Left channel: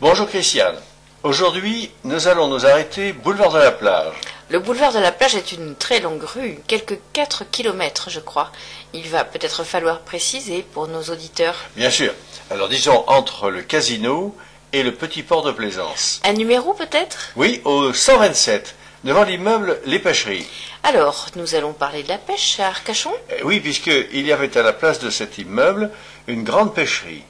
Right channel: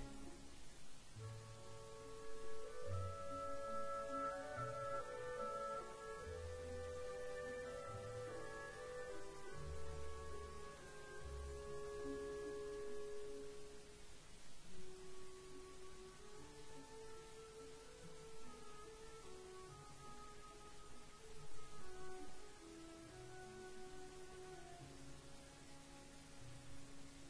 Bonjour Christiane. Aujourd'hui, nous allons nous arrêter boulevard de la Plage. Le boulevard de la Plage est une très longue rue, quelques 4 kilomètres je crois. Il va peut-être falloir préciser pour nos auditeurs. Bien sûr. Alors disons entre le casino et le petit port de plaisance. Un numéro peut-être? Oui, au 127, devant l'immeuble Les Pêcheries. Alors, nous allons parler de la pêche à Arcachon? Oui, puisqu'il y avait à la place de cet immeuble une grande pêcherie.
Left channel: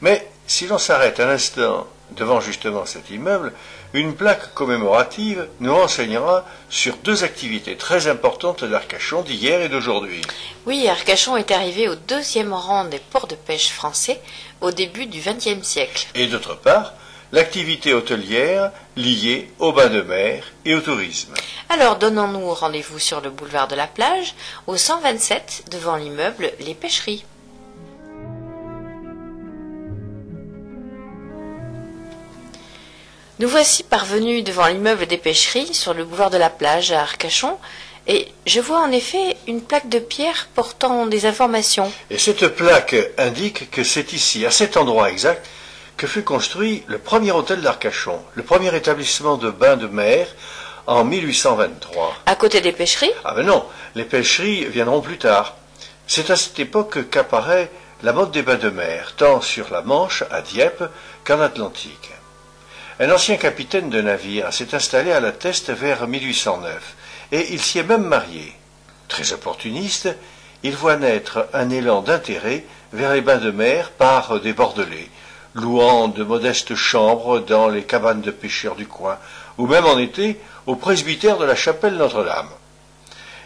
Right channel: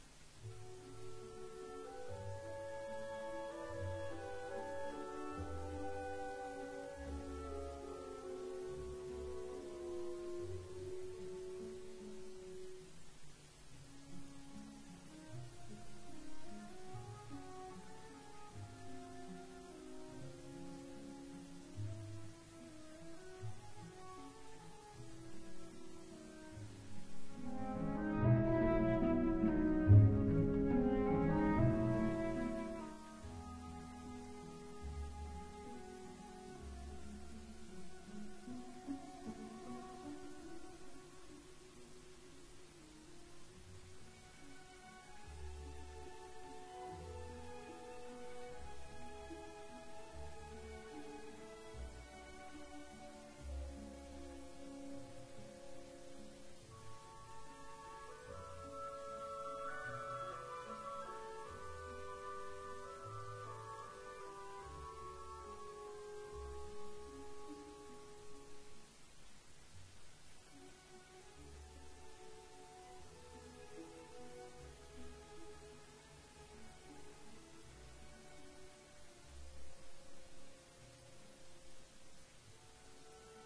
Mais si l'on s'arrête un instant devant justement cet immeuble, une plaque commémorative nous renseignera sur deux activités très importantes d'Arcachon d'hier et d'aujourd'hui. Oui, Arcachon est arrivé au 2e rang des ports de pêche français au début du XXe siècle. Et d'autre part, l'activité hôtelière liée au bain de mer et au tourisme. Alors, donnons-nous rendez-vous sur le boulevard de la Plage, au 127, devant l'immeuble Les Pêcheries. Nous voici parvenus devant l'immeuble des Pêcheries, sur le boulevard de la Plage à Arcachon, et je vois en effet une plaque de pierre portant des informations. Et cette plaque indique que c'est ici, à cet endroit exact, que fut construit le premier hôtel d'Arcachon, le premier établissement de bain de mer en 1823. À côté des Pêcheries? Ah ben non, les pêcheries viendront plus tard. C'est à cette époque qu'apparaît la mode des bains de mer, tant sur la Manche, à Dieppe, qu'en Atlantique. Un ancien capitaine de navire s'est installé à la Teste vers 1809, et il s'y est même marié. Très opportuniste, il voit naître un élan d'intérêt vers les bains de mer par des Bordelais, louant de modestes chambres dans les cabanes de pêcheurs du coin, ou même en été au presbytère de la chapelle Notre-Dame.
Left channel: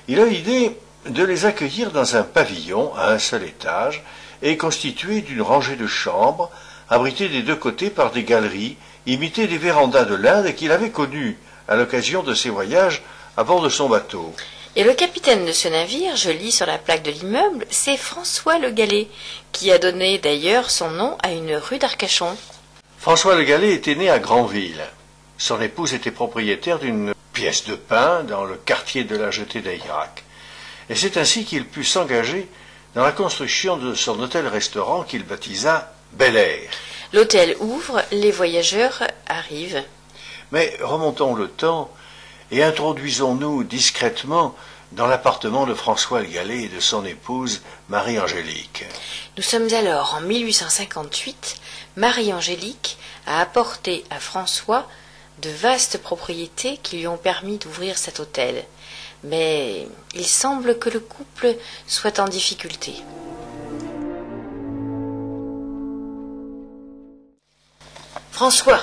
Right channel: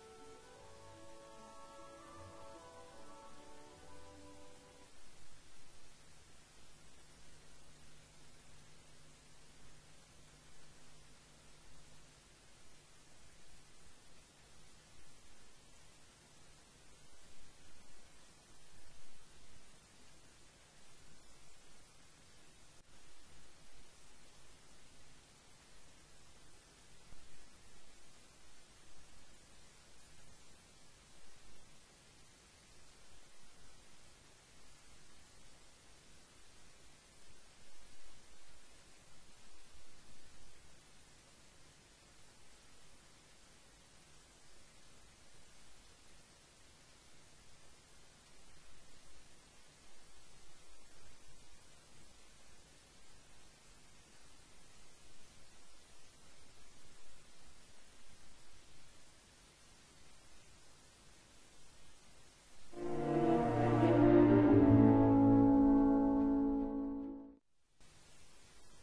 Il a l'idée de les accueillir dans un pavillon à un seul étage et constitué d'une rangée de chambres, abritées des deux côtés par des galeries, imitées des vérandas de l'Inde qu'il avait connues à l'occasion de ses voyages à bord de son bateau. Et le capitaine de ce navire, je lis sur la plaque de l'immeuble, c'est François Le Gallais, qui a donné d'ailleurs son nom à une rue d'Arcachon. François Le Gallais était né à Granville. Son épouse était propriétaire d'une pièce de pain dans le quartier de la Jetée d'Ayrac. Et c'est ainsi qu'il put s'engager dans la construction de son hôtel-restaurant qu'il baptisa Bel Air. L'hôtel ouvre, les voyageurs arrivent. Mais remontons le temps et introduisons-nous discrètement dans l'appartement de François Le Gallais et de son épouse Marie-Angélique. Nous sommes alors en 1858. Marie-Angélique a apporté à François de vastes propriétés qui lui ont permis d'ouvrir cet hôtel. Mais il semble que le couple soit en difficulté. François,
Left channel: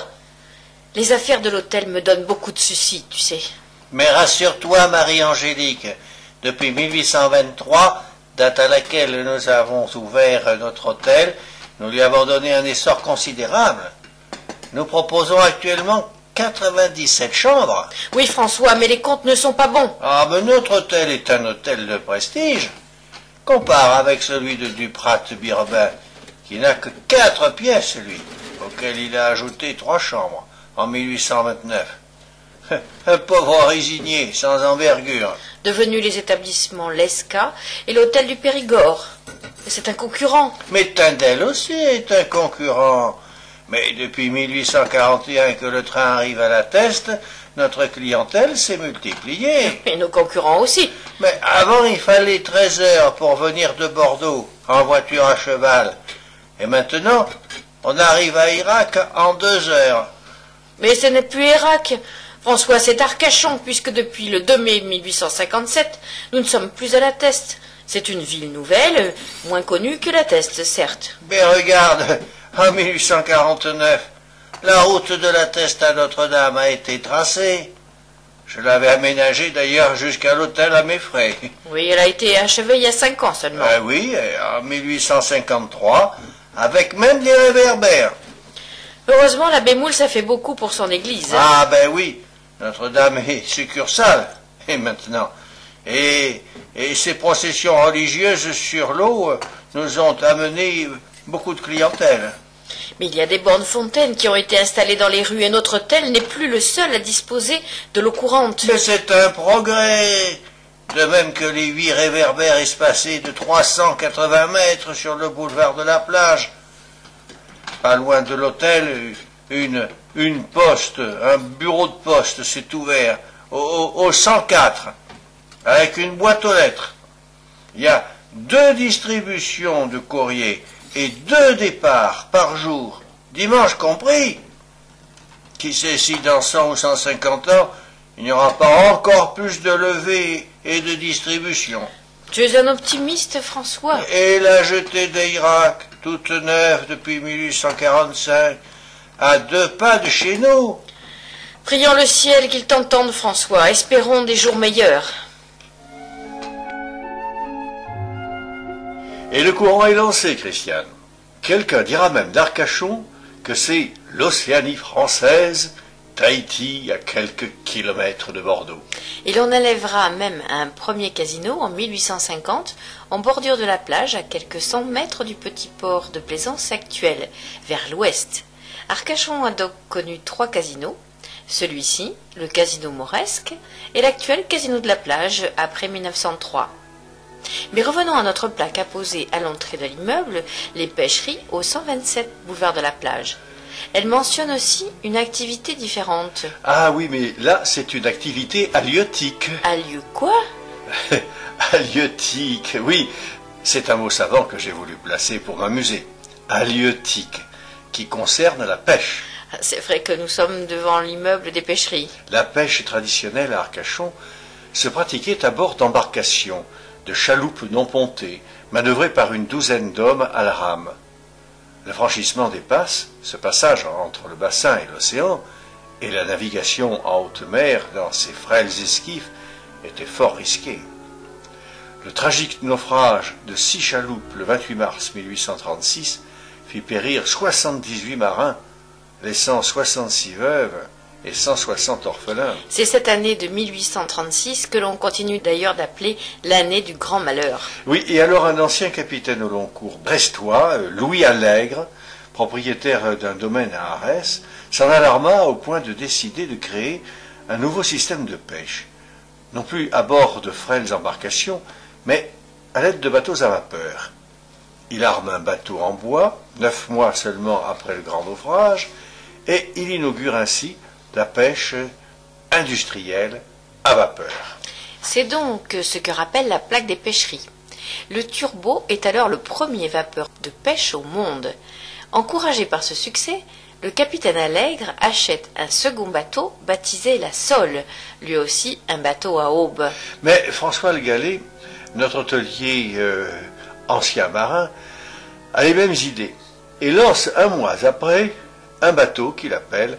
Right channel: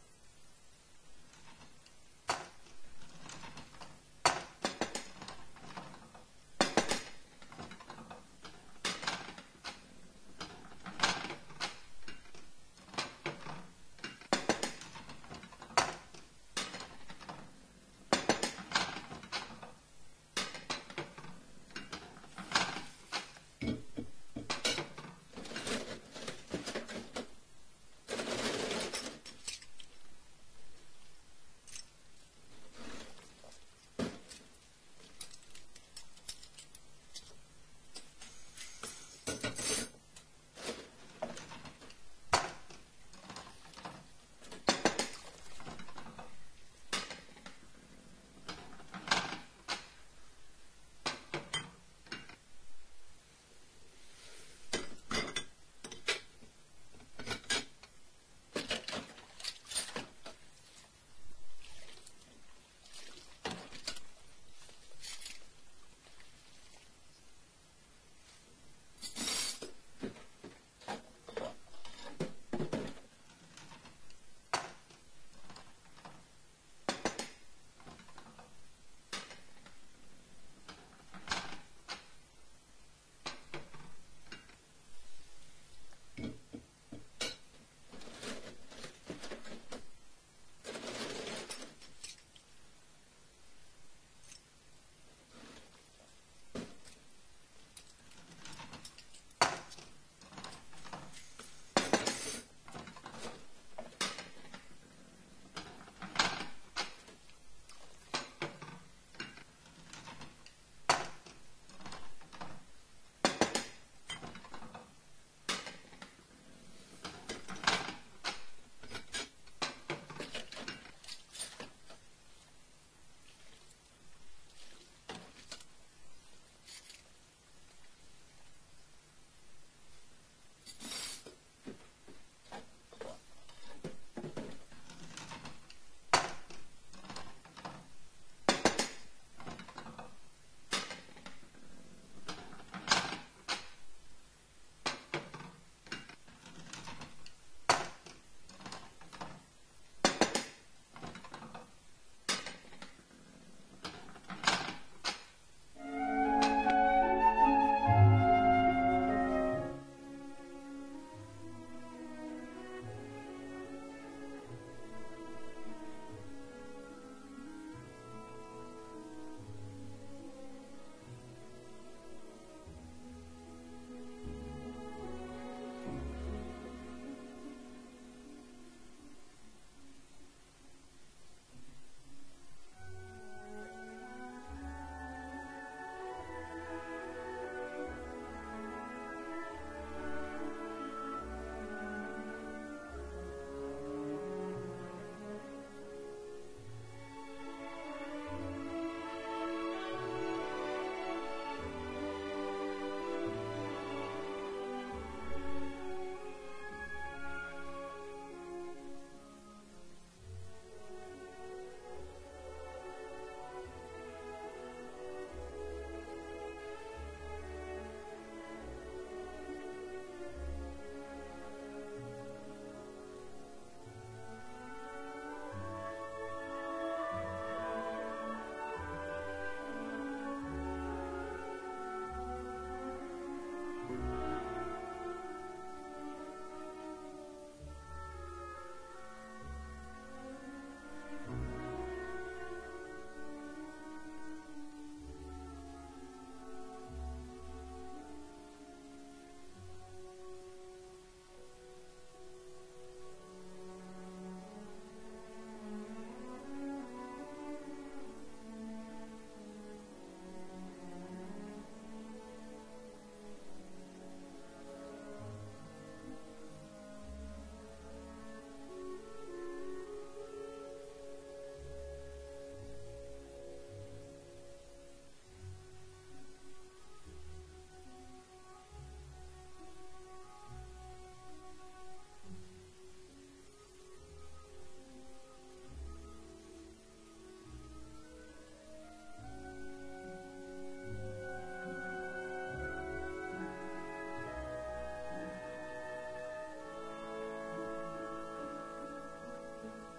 les affaires de l'hôtel me donnent beaucoup de soucis, tu sais. Mais rassure-toi, Marie-Angélique, depuis 1823, date à laquelle nous avons ouvert notre hôtel, nous lui avons donné un essor considérable. Nous proposons actuellement 97 chambres. Oui, François, mais les comptes ne sont pas bons. Ah, mais notre hôtel est un hôtel de prestige. Compare avec celui de Duprat-Birbin, qui n'a que 4 pièces, lui, auquel il a ajouté 3 chambres en 1829. Un pauvre résigné, sans envergure. Devenus les établissements Lesca et l'hôtel du Périgord. C'est un concurrent. Mais Tindel aussi est un concurrent. Mais depuis 1841 que le train arrive à la Teste, notre clientèle s'est multipliée. Et nos concurrents aussi. Mais avant, il fallait 13 heures pour venir de Bordeaux, en voiture à cheval. Et maintenant, on arrive à Irak en 2 heures. Mais ce n'est plus Irak. François, c'est Arcachon, puisque depuis le 2 mai 1857, nous ne sommes plus à la Teste. C'est une ville nouvelle, moins connue que la Teste, certes. Mais regarde, en 1849, la route de la Teste à Notre-Dame a été tracée. Je l'avais aménagée d'ailleurs jusqu'à l'hôtel à mes frais. Oui, elle a été achevée il y a 5 ans seulement. Oui, en 1853, avec même des réverbères. Heureusement, l'abbé Moule, ça fait beaucoup pour son église. Ah ben oui, Notre-Dame est succursale, et maintenant. Et ces processions religieuses sur l'eau nous ont amené beaucoup de clientèle. Mais il y a des bornes fontaines qui ont été installées dans les rues et notre hôtel n'est plus le seul à disposer de l'eau courante. Mais c'est un progrès. De même que les 8 réverbères espacés de 380 mètres sur le boulevard de la Plage. Pas loin de l'hôtel, une poste, un bureau de poste s'est ouvert au 104 avec une boîte aux lettres. Il y a 2 distributions de courrier et 2 départs par jour, dimanche compris. Qui sait si dans 100 ou 150 ans, il n'y aura pas encore plus de levées et de distributions. Tu es un optimiste, François. Et la jetée d'Irak, toute neuve depuis 1845, à 2 pas de chez nous. Prions le ciel qu'il t'entende, François. Espérons des jours meilleurs. Et le courant est lancé, Christiane. Quelqu'un dira même d'Arcachon que c'est l'Océanie française, Tahiti à quelques kilomètres de Bordeaux. Et l'on élèvera même un premier casino en 1850 en bordure de la plage à quelques 100 mètres du petit port de plaisance actuel, vers l'ouest. Arcachon a donc connu 3 casinos, celui-ci, le casino Mauresque, et l'actuel casino de la plage après 1903. Mais revenons à notre plaque apposée à l'entrée de l'immeuble, les pêcheries au 127 boulevard de la plage. Elle mentionne aussi une activité différente. Ah oui, mais là, c'est une activité halieutique. Halieu quoi? Halieutique, oui, c'est un mot savant que j'ai voulu placer pour m'amuser. Halieutique, qui concerne la pêche. C'est vrai que nous sommes devant l'immeuble des pêcheries. La pêche traditionnelle à Arcachon se pratiquait à bord d'embarcations, de chaloupes non pontées, manœuvrées par une douzaine d'hommes à la rame. Le franchissement des passes, ce passage entre le bassin et l'océan, et la navigation en haute mer dans ces frêles esquifs était fort risqué. Le tragique naufrage de 6 chaloupes le 28 mars 1836 fit périr 78 marins, laissant 66 veuves et 160 orphelins. C'est cette année de 1836 que l'on continue d'ailleurs d'appeler l'année du grand malheur. Oui, et alors un ancien capitaine au long cours brestois, Louis Allègre, propriétaire d'un domaine à Arès, s'en alarma au point de décider de créer un nouveau système de pêche, non plus à bord de frêles embarcations, mais à l'aide de bateaux à vapeur. Il arme un bateau en bois, 9 mois seulement après le grand naufrage, et il inaugure ainsi la pêche industrielle à vapeur. C'est donc ce que rappelle la plaque des pêcheries. Le turbo est alors le premier vapeur de pêche au monde. Encouragé par ce succès, le capitaine Allègre achète un second bateau baptisé la Sole, lui aussi un bateau à aube. Mais François Le Gallais, notre hôtelier ancien marin, a les mêmes idées et lance 1 mois après un bateau qu'il appelle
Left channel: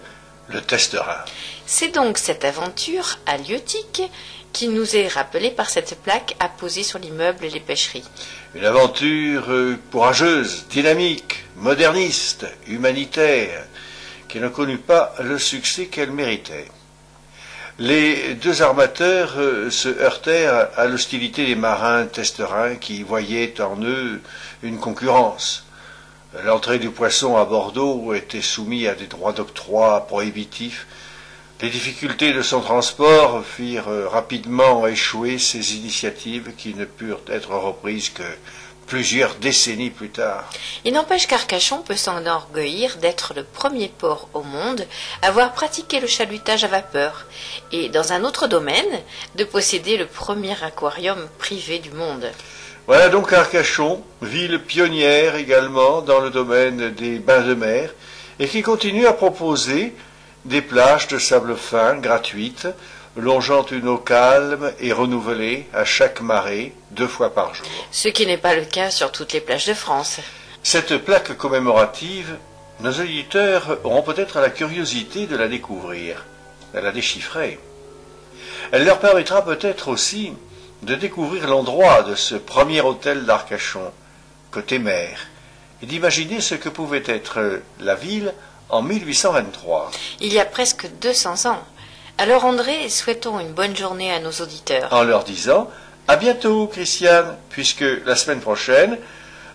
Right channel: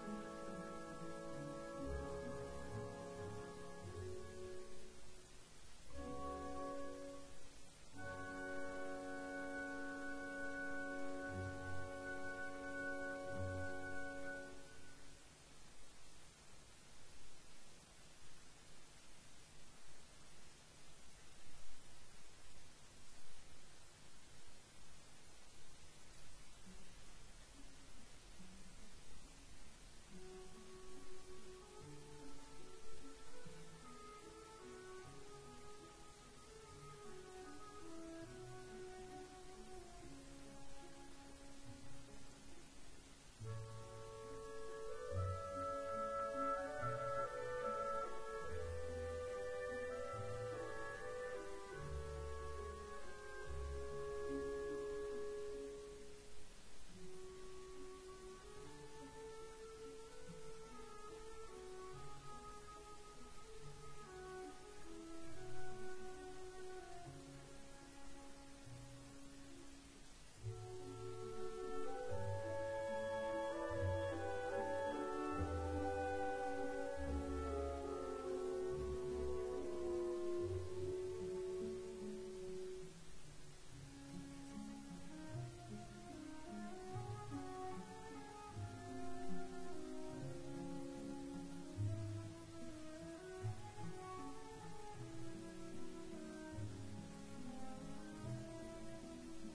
le Testerin. C'est donc cette aventure halieutique qui nous est rappelée par cette plaque apposée sur l'immeuble Les Pêcheries. Une aventure courageuse, dynamique, moderniste, humanitaire, qui ne connut pas le succès qu'elle méritait. Les 2 armateurs se heurtèrent à l'hostilité des marins testerins qui voyaient en eux une concurrence. L'entrée du poisson à Bordeaux était soumise à des droits d'octroi prohibitifs. Les difficultés de son transport firent rapidement échouer ces initiatives qui ne purent être reprises que plusieurs décennies plus tard. Il n'empêche qu'Arcachon peut s'enorgueillir d'être le premier port au monde à avoir pratiqué le chalutage à vapeur et, dans un autre domaine, de posséder le premier aquarium privé du monde. Voilà donc Arcachon, ville pionnière également dans le domaine des bains de mer et qui continue à proposer des plages de sable fin gratuites, longeant une eau calme et renouvelée à chaque marée 2 fois par jour. Ce qui n'est pas le cas sur toutes les plages de France. Cette plaque commémorative, nos auditeurs auront peut-être la curiosité de la découvrir, de la déchiffrer. Elle leur permettra peut-être aussi de découvrir l'endroit de ce premier hôtel d'Arcachon, côté mer, et d'imaginer ce que pouvait être la ville en 1823. Il y a presque 200 ans. Alors André, souhaitons une bonne journée à nos auditeurs. En leur disant à bientôt, Christiane, puisque la semaine prochaine,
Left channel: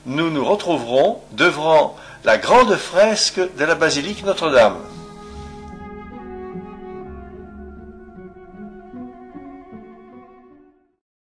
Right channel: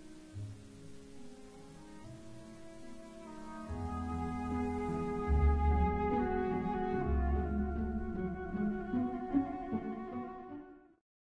nous nous retrouverons devant la grande fresque de la basilique Notre-Dame.